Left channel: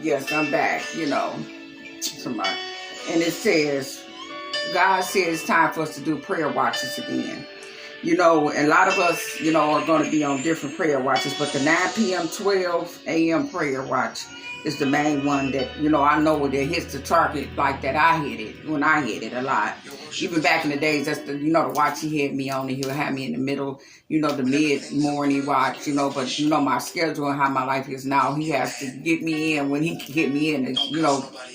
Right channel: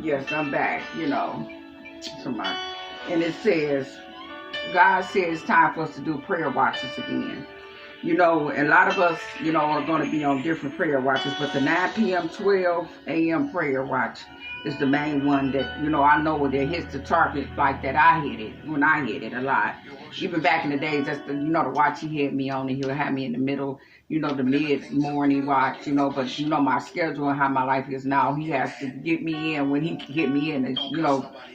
Yes, I'm back, Somebody. And it says, God said it's time for us to do prayer watches again. And a lot of us, are going to be on different prayer watches, but the 9 p.m., 12 a.m. prayer watch is the main one that, I know that hits the target like that. I hit it when I hit it a lot. Even back in the days, that's the, the watch he had me on, and he'll have me in the middle, the mid-morning watch, but, my schedule and how my life is now, he has to get me in when he can get me in and,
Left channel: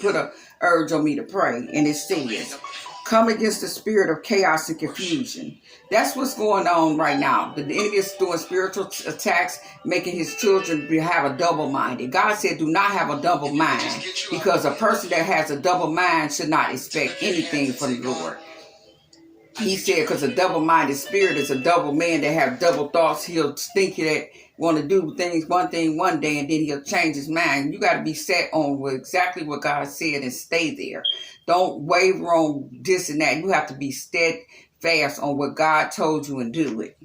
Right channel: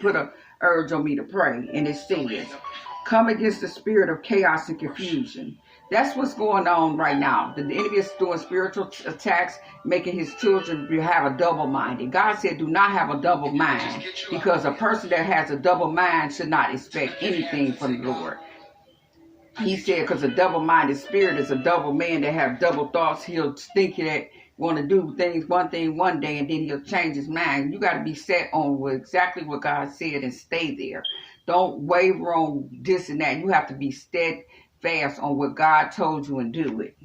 put a urge on me to pray. And it says, come against the spirit of chaos and confusion. That's what's going on right now. The enemy is doing spiritual attacks, making his children have a double-minded. God said, do not have a double mind, because a person that has a double mind should not expect anything from the Lord. He said, because a double-minded spirit is a double man that have double thoughts. He'll think that want to do things one thing one day, and then he'll change his mind. You got to be set on exactly what God said and stay there. Don't waver on this and that. You have to be steadfast on what God told you and do it.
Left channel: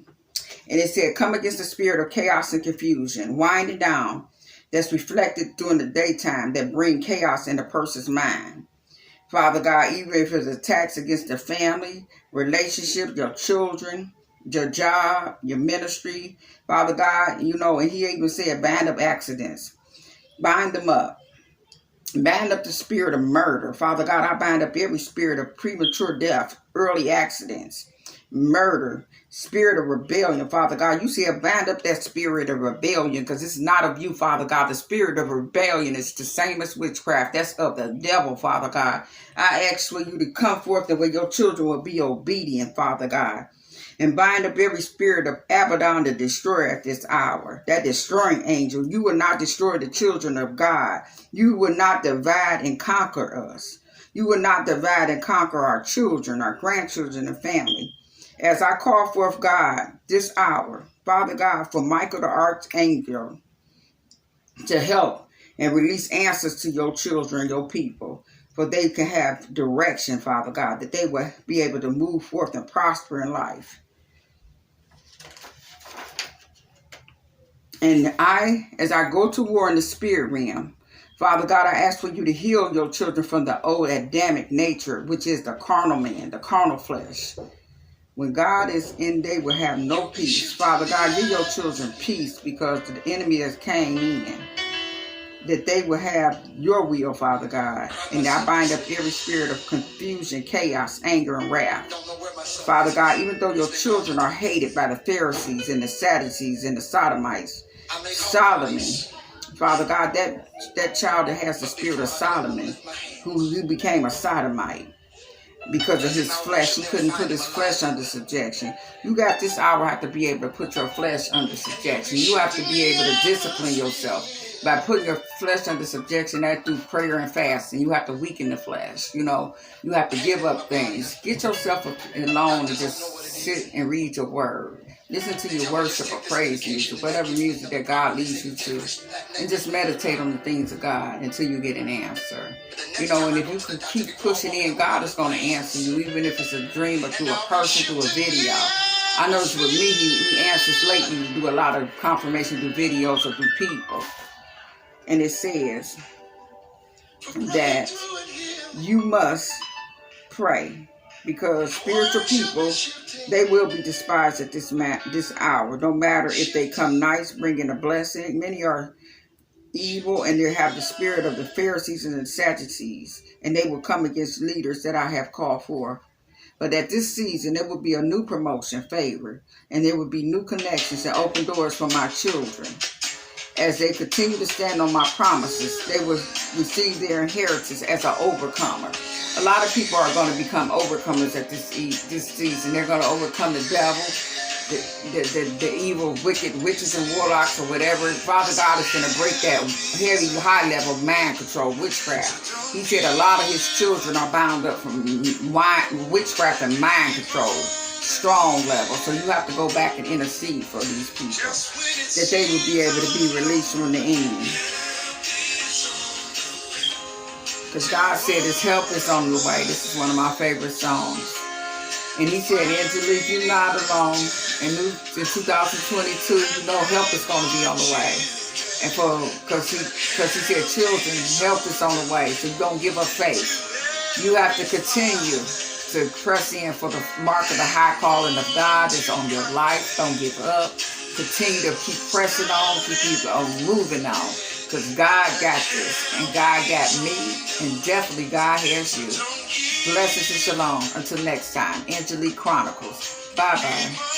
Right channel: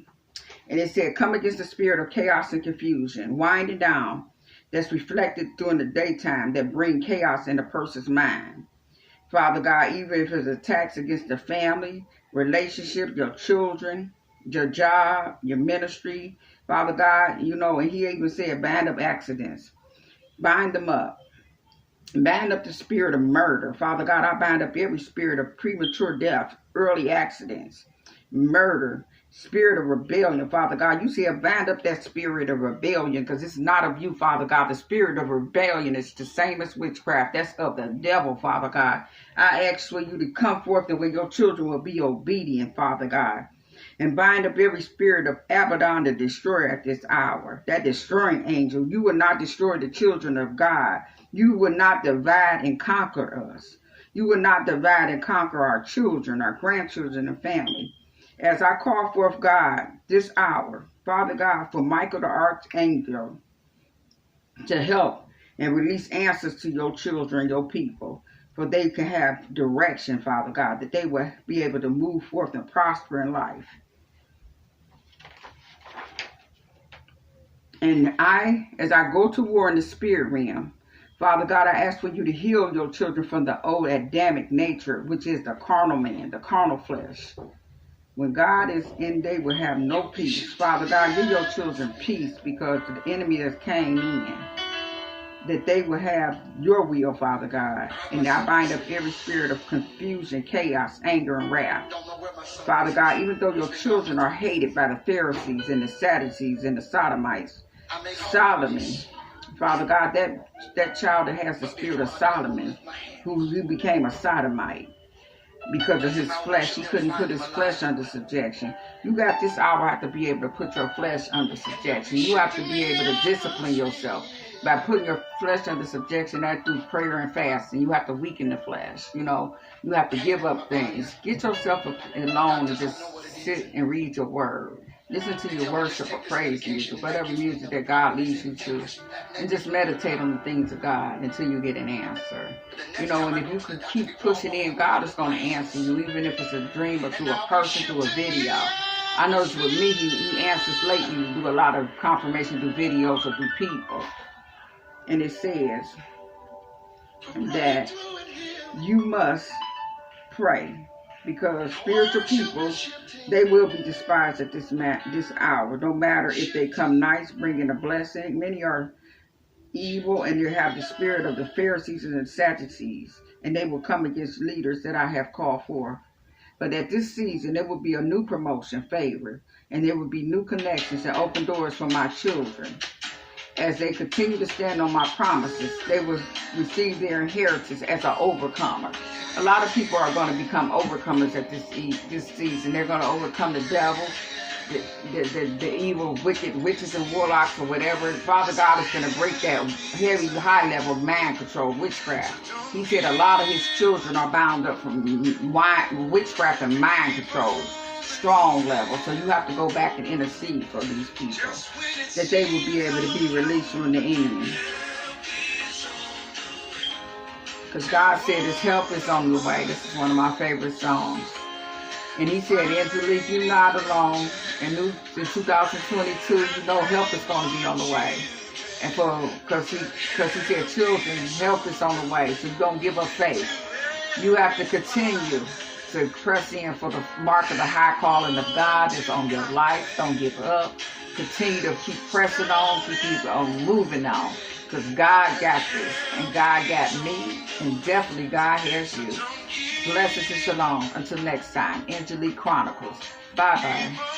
And it said, come against the spirit of chaos and confusion, winding down, that's reflected during the daytime, that bring chaos in a person's mind. Father God, even if it's attacks against the family, relationship, your children, your job, your ministry, Father God, and he even said, bind up accidents. Bind them up. Bind up the spirit of murder. Father God, I bind up every spirit of premature death, early accidents, murder, spirit of rebellion. Father God, you said bind up that spirit of rebellion, because it's not of you, Father God. The spirit of rebellion is the same as witchcraft. That's of the devil, Father God. I ask for you to come forth the way your children will be obedient, Father God. And bind up every spirit of Abaddon to destroy at this hour. That destroying angel. You will not destroy the children of God. You will not divide and conquer us. You will not divide and conquer our children, our grandchildren, and family. As I call forth God this hour, Father God, for Michael the Archangel to help and release answers to your children, your people, for they can have direction, Father God, that they will be able to move forth and prosper in life. And as I go to war in the spirit realm, Father God, I ask for you to heal your children from the old Adamic nature, which is the carnal man, the carnal flesh. When God is in, they will have no peace. Father God, give your children peace, because the enemy has came in, that they will have your will, Father God. And I bind up every spirit of confusion, chaos, anger, and wrath. Father God, even though your children are hated by the Pharisees and the Sadducees and the Sodomites, Solomon, Father God, that child that has the spirit of Solomon, who became a sodomite because of his flesh. He couldn't put his flesh under subjection. You got this hour have to be able to put your flesh under subjection. You have to be able to discipline yourself by putting your flesh under subjection, that through prayer and fasting. You have to weaken the flesh. You have to give up things. Get yourself alone and just sit and read your word. Listen to your worship or praise music, whatever music that God leads you to, and just meditate on the things of God until you get an answer. And if you can keep pushing in, God is going to answer you, even if it's a dream or through a person, through a video. I noticed with me, he answers lately to do a lot of confirmation through videos or through people. And it says that you must pray, because spiritual people, they will be despised at this hour, no matter if they come nice, bringing a blessing. Many are evil, and they have the spirit of the Pharisees and the Sadducees, and they will come against leaders that I have called for. But at this season, there will be a new promotion, favor, and there will be new connections and open doors for my children. As they continue to stand on my promises, they will receive their inheritance as an overcomer. A lot of people are going to become overcomers at this season. They're going to overcome the devil, the evil, wicked witches and warlocks or whatever. Father God is going to break that heavy, high level of mind control, witchcraft. He said a lot of his children are bound up from witchcraft and mind control, strong level. So you have to go back and intercede for these people, that they will be able to be released from the enemy. Because God said his help is on the way. This is one of my favorite songs. And he said, Angelique, you're not alone. And in 2022, help is going to be on the way. And because he said children, help is on the way. So don't give up faith. You have to continue to press in for the mark of the high calling of God that's on your life. Don't give up. Continue to keep pressing on, keep on moving on. Because God got this, and God got me, and definitely God has you. Blessings and shalom. Until next time, Angelique Chronicles. Bye-bye.